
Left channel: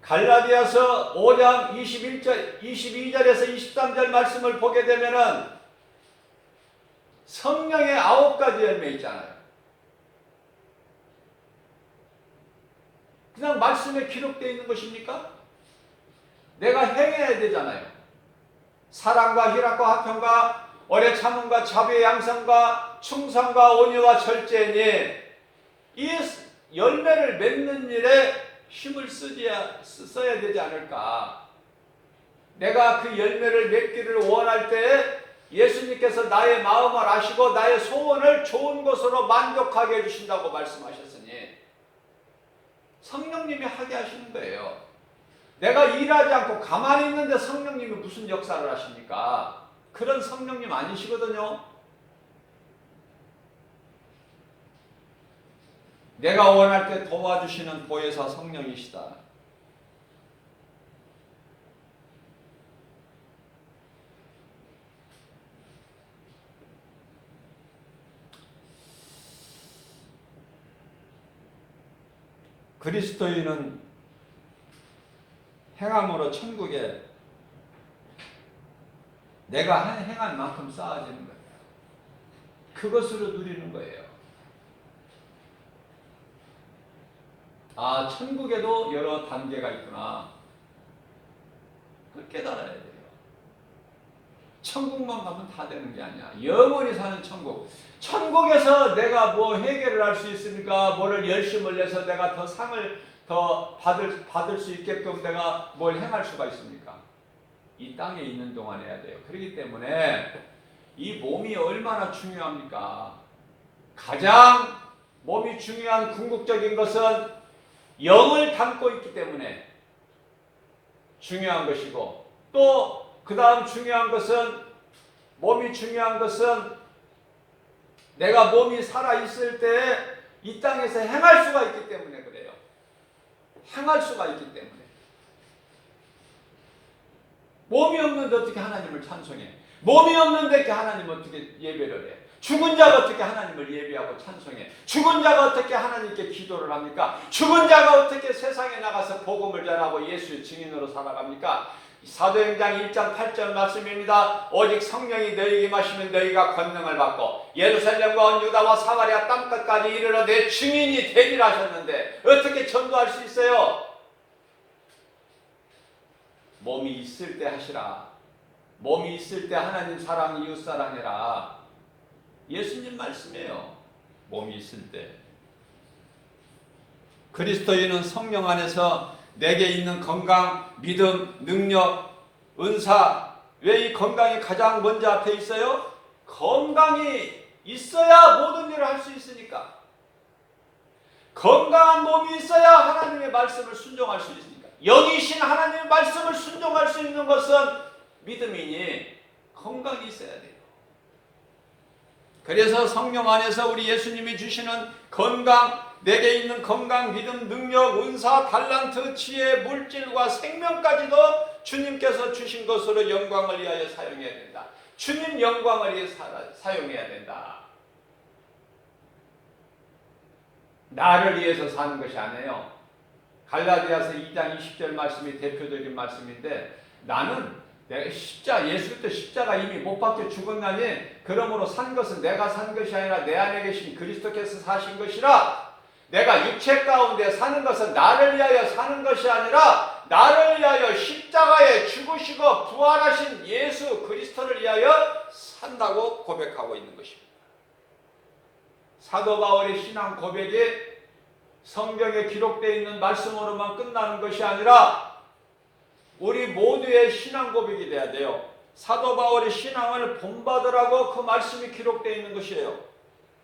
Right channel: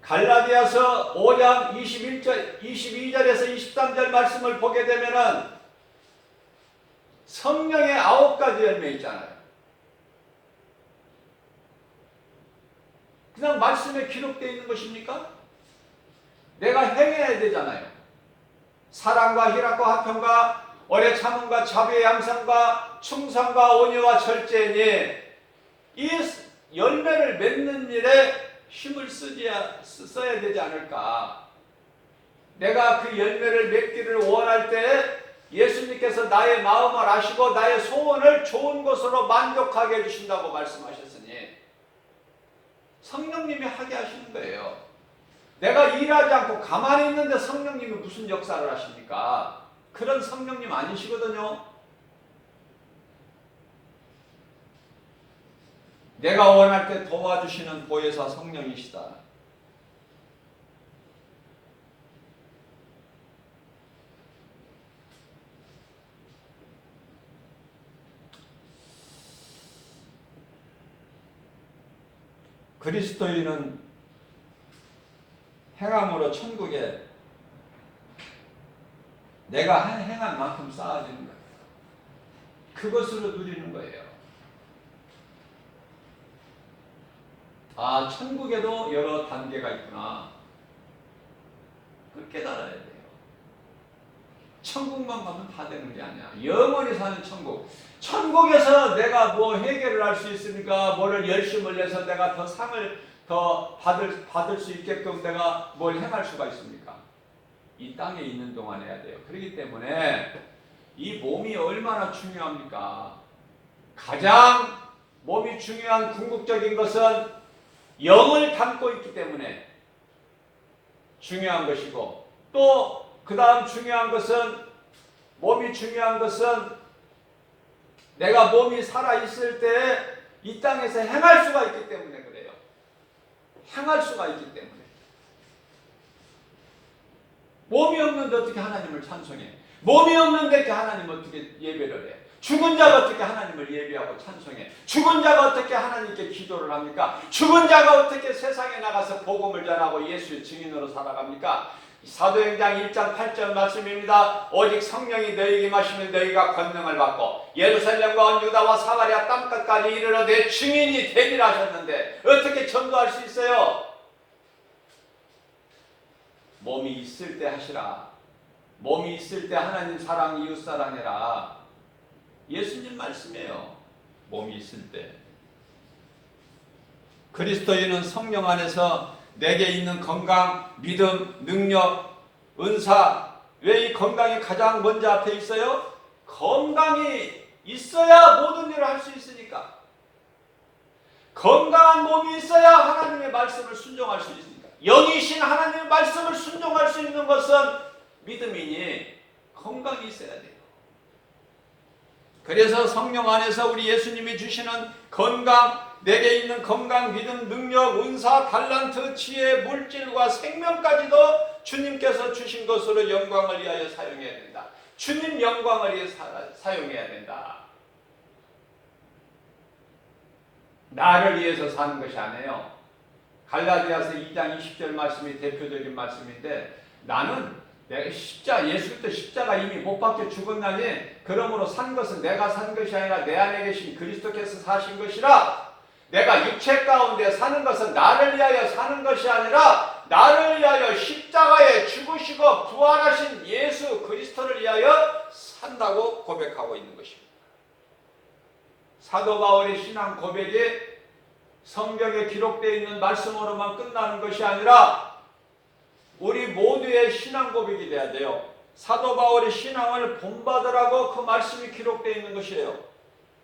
갈라디아서 5장 22절에서 23절 말씀을 보게 되면은 성령의 9가지 열매 있잖아요. 그냥 말씀에 기록되어 있는 것입니까? 내가 행해야 되잖아요. 사랑과 희락과 화평과 오래 참음과 자비의 양상과 충성과 온유와 절제니, 이 열매를 맺는 일에 힘을 써야 되지 않을까. 내가 그 열매를 맺기를 원할 때 예수님께서 나의 마음을 아시고 나의 소원을 좋은 것으로 만족하게 해주신다고 말씀하셨으니 성령님이 하게 하시는 거예요. 내가 일하지 않고 가만히 있는데 성령님이 무슨 역사를 하십니까? 그런 성령님 아니시거든요. 내가 원할 때 도와주시는 보혜사 성령이시다. 그리스도인은 행함으로 천국에 내가 행한 만큼 쌓아지는 거예요. 그것으로 누리는 거예요. 아, 천국에도 여러 단계가 있구나. 그걸 깨달아야 돼요. 천국만 가면 다 되는 게 아니야. 영원히 사는 천국. 천국에서 내가 뭐 해결을 할 수 있습니까? 뭐를 열심을 해서 내가 더 상을 더 받을 수 있게끔 내가 뭘 행할 수가 있습니까? 이 땅에 있는 동안 해야 돼요. 그렇기 때문에 이 몸이 얼마나 중요합니까? 가장 몸이 중요한 궁극적인 것은 영을 담고 있기 때문에 중요한 것이고, 또 그 다음 중요한 것은, 몸이 중요한 것은 내가 몸이 살아있을 때 이 땅에서 행할 수가 있기 때문에 그래요. 행할 수가 있기 때문에. 몸이 없는데 어떻게 하나님을 찬송해? 몸이 없는데 하나님을 어떻게 예배를 해? 죽은 자가 어떻게 하나님을 예배하고 찬송해? 죽은 자가 어떻게 하나님께 기도를 합니까? 죽은 자가 어떻게 세상에 나가서 복음을 전하고 예수의 증인으로 살아갑니까? 사도행전 1장 8절 말씀입니다. 오직 성령이 너희에게 임하시면 너희가 권능을 받고 예루살렘과 유다와 사마리아 땅끝까지 이르러 내 증인이 되리라 하셨는데 어떻게 전도할 수 있어요? 몸이 있을 때 하시라. 몸이 있을 때 하나님 사랑 이웃 사랑해라. 예수님 말씀이에요. 몸이 있을 때. 그리스도인은 성령 안에서 내게 있는 건강, 믿음, 능력, 은사. 왜 이 건강이 가장 먼저 앞에 있어요? 건강이 있어야 모든 일을 할 수 있으니까. 건강한 몸이 있어야 하나님의 말씀을 순종할 수 있으니까. 영이신 하나님의 말씀을 순종할 수 있는 것은 믿음이니 건강이 있어야 돼요. 그래서 성령 안에서 우리 예수님이 주시는 건강, 내게 있는 건강, 믿음, 능력, 은사, 달란트, 지혜, 물질과 생명까지도 주님께서 주신 것으로 영광을 위하여 사용해야 된다. 주님 영광을 위해 사용해야 된다. 나를 위해서 사는 것이 아니에요. 갈라디아서 2장 20절 말씀이 대표적인 말씀인데, 나는 내가 예수 그리스도 십자가 이미 못 박혀 죽었나니 그러므로 산 것은 내가 산 것이 아니라 내 안에 계신 그리스도께서 사신 것이라. 내가 육체 가운데 사는 것은 나를 위하여 사는 것이 아니라 나를 위하여 십자가에 죽으시고 부활하신 예수 그리스도를 위하여 산다고 고백하고 있는 것입니다. 사도 바울의 신앙 고백이 성경에 기록되어 있는 말씀으로만 끝나는 것이 아니라 우리 모두의 신앙 고백이 돼야 돼요. 사도 바울의 신앙을 본받으라고 그 말씀이 기록되어 있는 것이에요.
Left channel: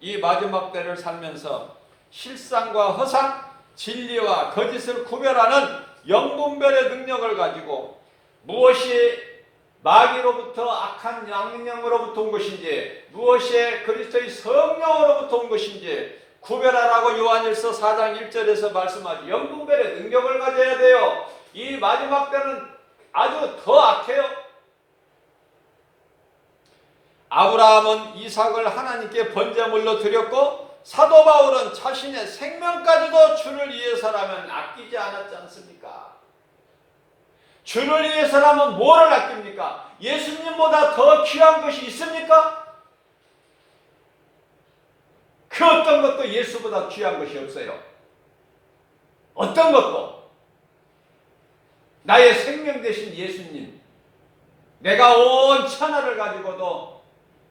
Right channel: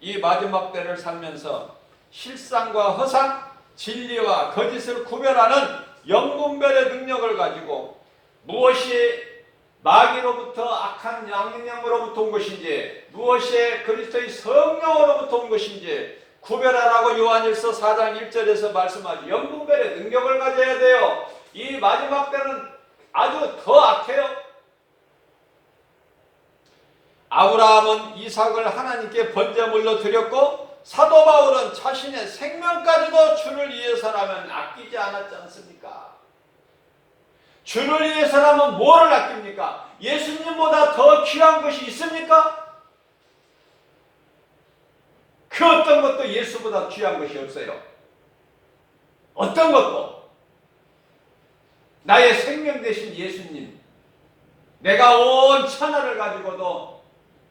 이 마지막 때를 살면서 실상과 허상, 진리와 거짓을 구별하는 영분별의 능력을 가지고 무엇이 마귀로부터 악한 양념으로부터 온 것인지, 무엇이 그리스도의 성령으로부터 온 것인지 구별하라고 요한일서 4장 1절에서 말씀하죠. 영분별의 능력을 가져야 돼요. 이 마지막 때는 아주 더 악해요. 아브라함은 이삭을 하나님께 번제물로 드렸고 사도 바울은 자신의 생명까지도 주를 위해서라면 아끼지 않았지 않습니까? 주를 위해서라면 뭐를 아낍니까? 예수님보다 더 귀한 것이 있습니까? 그 어떤 것도 예수보다 귀한 것이 없어요. 어떤 것도. 나의 생명 되신 예수님, 내가 온 천하를 가지고도,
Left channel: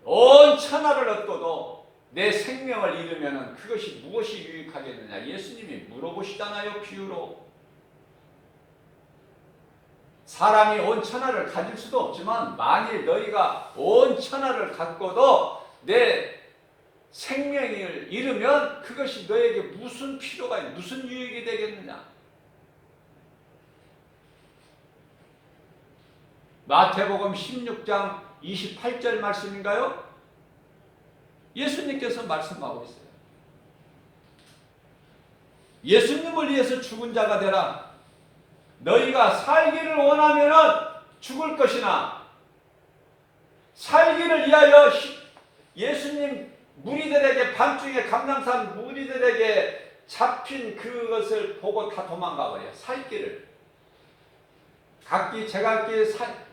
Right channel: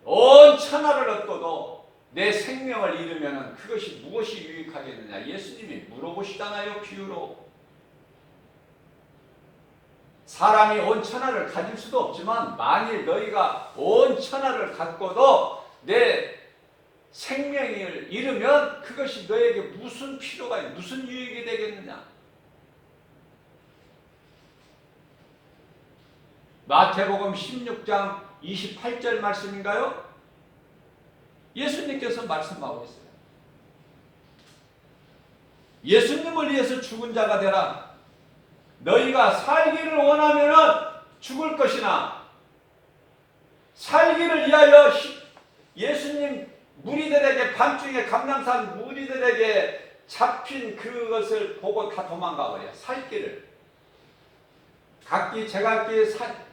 온 천하를 얻고도 내 생명을 잃으면 그것이 무엇이 유익하겠느냐? 예수님이 물어보시잖아요. 비유로. 사람이 온 천하를 가질 수도 없지만 만일 너희가 온 천하를 갖고도 내 생명을 잃으면 그것이 너에게 무슨 필요가 있는, 무슨 유익이 되겠느냐? 마태복음 16장 28절 말씀인가요? 예수님께서 말씀하고 있어요. 예수님을 위해서 죽은 자가 되라. 너희가 살기를 원하면 죽을 것이나 살기를 위하여 예수님 무리들에게 밤중에 감람산 무리들에게 잡힌 그것을 보고 다 도망가 버려요. 살 길을. 각기 제각기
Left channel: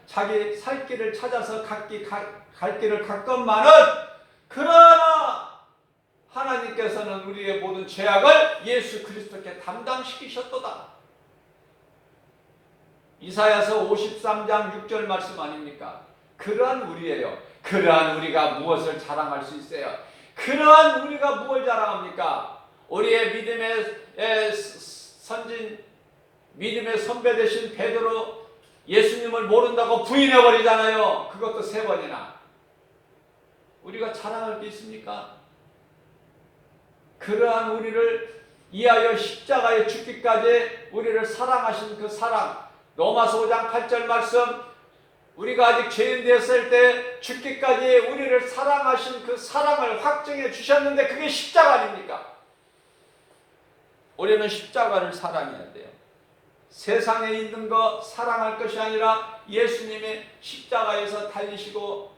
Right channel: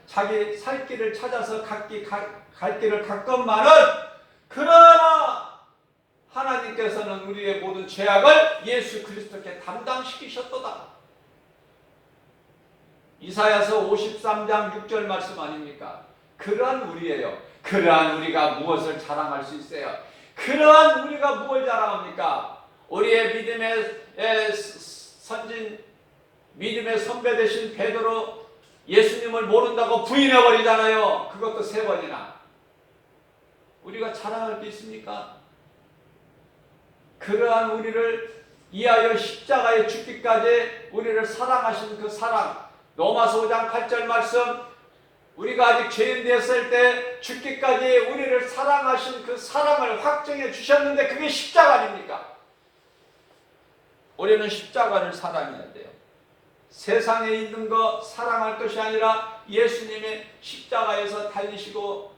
자기 살 길을 찾아서 각기 갈 길을 갔건만은, 그러나 하나님께서는 우리의 모든 죄악을 예수 그리스도께 담당시키셨도다. 이사야서 53장 6절 말씀 아닙니까? 그러한 우리예요. 그러한 우리가 무엇을 자랑할 수 있어요? 그러한 우리가 무엇을 자랑합니까? 우리의 믿음의 선진, 믿음의 선배 되신 베드로 예수님을 모른다고 부인해버리잖아요. 그것도 3번이나. 우리가 자랑할 게 있습니까? 그러한 우리를 이하여 십자가에 죽기까지 우리를 사랑하신 그 사랑, 로마서 5장 8절 말씀, 우리가 아직 죄인 되었을 때 죽기까지 우리를 사랑하신 그 사랑을 확증해 주셨는데, 그게 십자가 아닙니까? 우리는 십자가를 사랑해야 돼요. 세상에 있는 거 사랑할 것이 아니라 예수님의 십자가에서 달리시고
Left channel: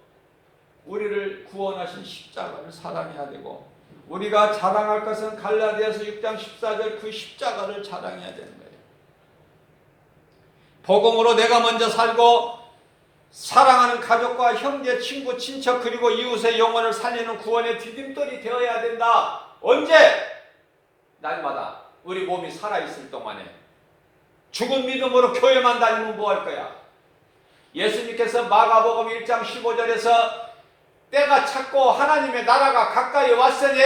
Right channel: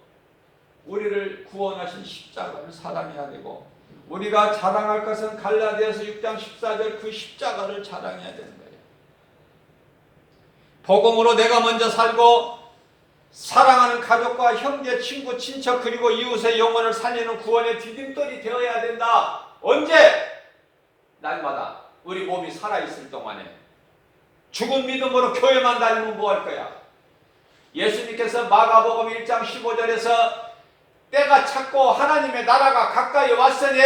우리를 구원하신 십자가를 사랑해야 되고, 우리가 자랑할 것은 갈라디아서 6장 14절 그 십자가를 자랑해야 되는 거예요. 복음으로 내가 먼저 살고 사랑하는 가족과 형제, 친구, 친척 그리고 이웃의 영혼을 살리는 구원의 디딤돌이 되어야 된다. 언제? 날마다 우리 몸이 살아있을 동안에. 죽은 믿음으로 교회만 다니면 뭐 할 거야? 예수님께서 마가복음 1장 15절에서 때가 찼고 하나님의 나라가 가까이 왔으니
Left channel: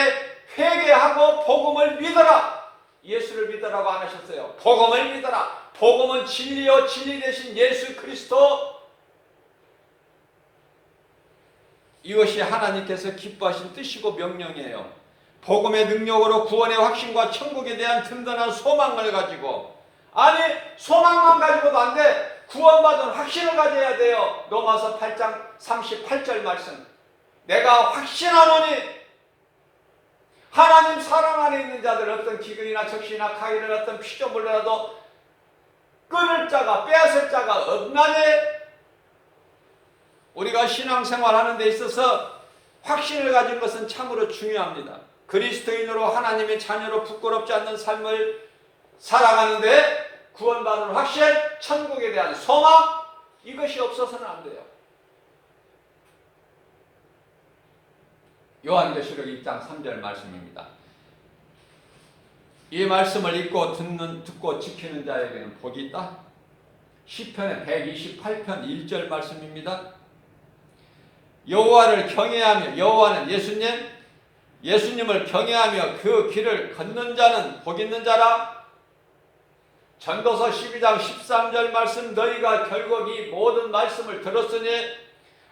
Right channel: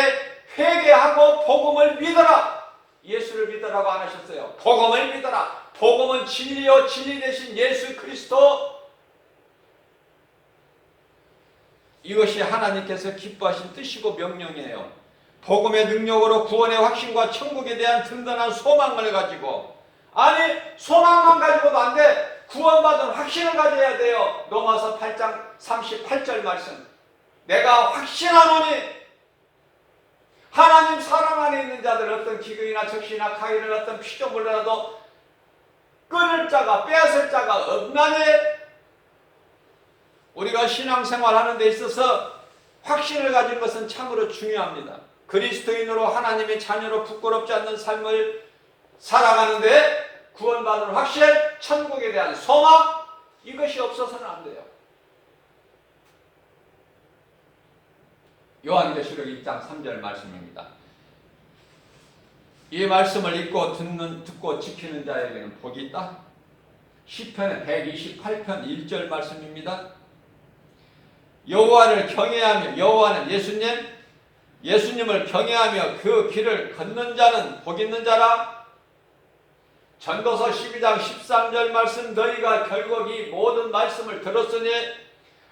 회개하고 복음을 믿어라. 예수를 믿으라고 안 하셨어요. 복음을 믿어라. 복음은 진리요 진리 되신 예수 그리스도, 이것이 하나님께서 기뻐하신 뜻이고 명령이에요. 복음의 능력으로 구원의 확신과 천국에 대한 든든한 소망을 가지고, 아니 소망만 가지고도 안 돼. 구원받은 확신을 가져야 돼요. 로마서 8장 38절 말씀, 내가 확신하노니 하나님 사랑 안에 있는 자들 어떤 기근이나 적시나 가위를 어떤 피조물이라도 끊을 자가 빼앗을 자가 없나니. 우리가 신앙생활하는 데 있어서 확신을 가진 것은 참으로 중요합니다. 그리스도인으로 하나님의 자녀로 부끄럽지 않는 삶을 살아가는데 구원받은 확신, 천국에 대한 소망, 이것이 없어서는 안 돼요. 요한계시록 2장 3절 말씀입니다. 이 말씀을 읽고 듣고 지키는 자에게는 복이 있다. 시편의 128편 1절 말씀입니다. 여호와를 경외하며, 여호와는 예수님을 경외하며 그 길을 걷는 자는 복 있는 자라. 전도서 12장 13절 말씀, 너희가 결국 이 모든 말씀을 들었으니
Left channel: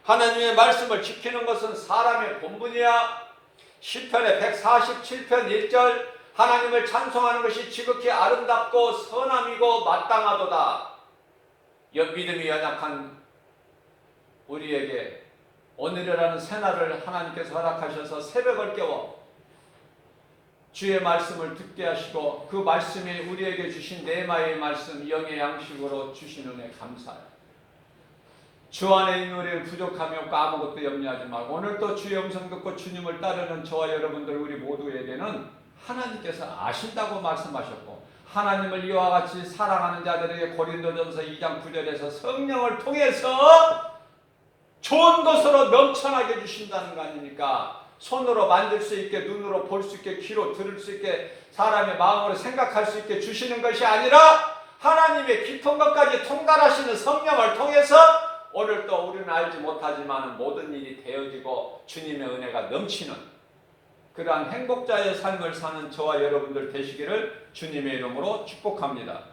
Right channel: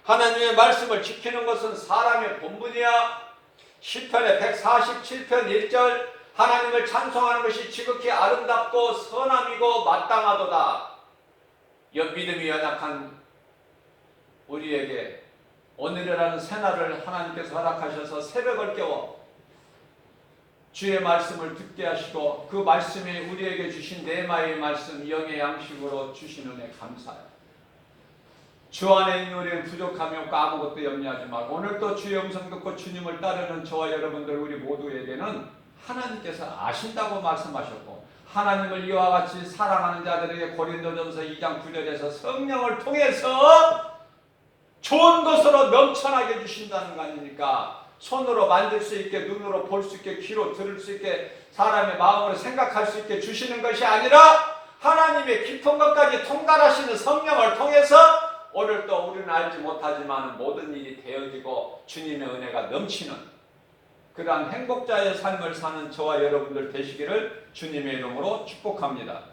하나님의 말씀을 지키는 것은 사람의 본분이야. 시편의 147편 1절, 하나님을 찬송하는 것이 지극히 아름답고 선함이고 마땅하도다. 믿음이 연약한 우리에게 오늘이라는 새날을 하나님께서 허락하셔서 새벽을 깨워 주의 말씀을 듣게 하시고, 그 말씀이 우리에게 주신 네마의 말씀, 영의 양식으로 주신 은혜 감사해요. 주 안에 있는 우리는 부족함이 없고 아무것도 염려하지 말고, 오늘도 주의 음성 듣고 주님을 따르는 저와 여러분들 우리 모두에게는 하나님께서 아신다고 말씀하셨고, 하나님을 이와 같이 사랑하는 자들에게 고린도전서 2장 9절에서 성령을 통해서 좋은 것으로 넘쳐나게 주신다는 거 아닙니까? 손으로 만질 수 있게, 눈으로 볼 수 있게, 귀로 들을 수 있게, 사람의 마음으로 생각할 수 있게 주시는 것이 아니라 하나님의 깊은 것까지 통달하시는 성령을 통해서 오늘도 우리는 알지 못하지만 모든 일이 되어지고 주님의 은혜가 넘치는 그러한 행복자의 삶을 사는 저와 여러분들 되시기를 주님의 이름으로 축복합니다.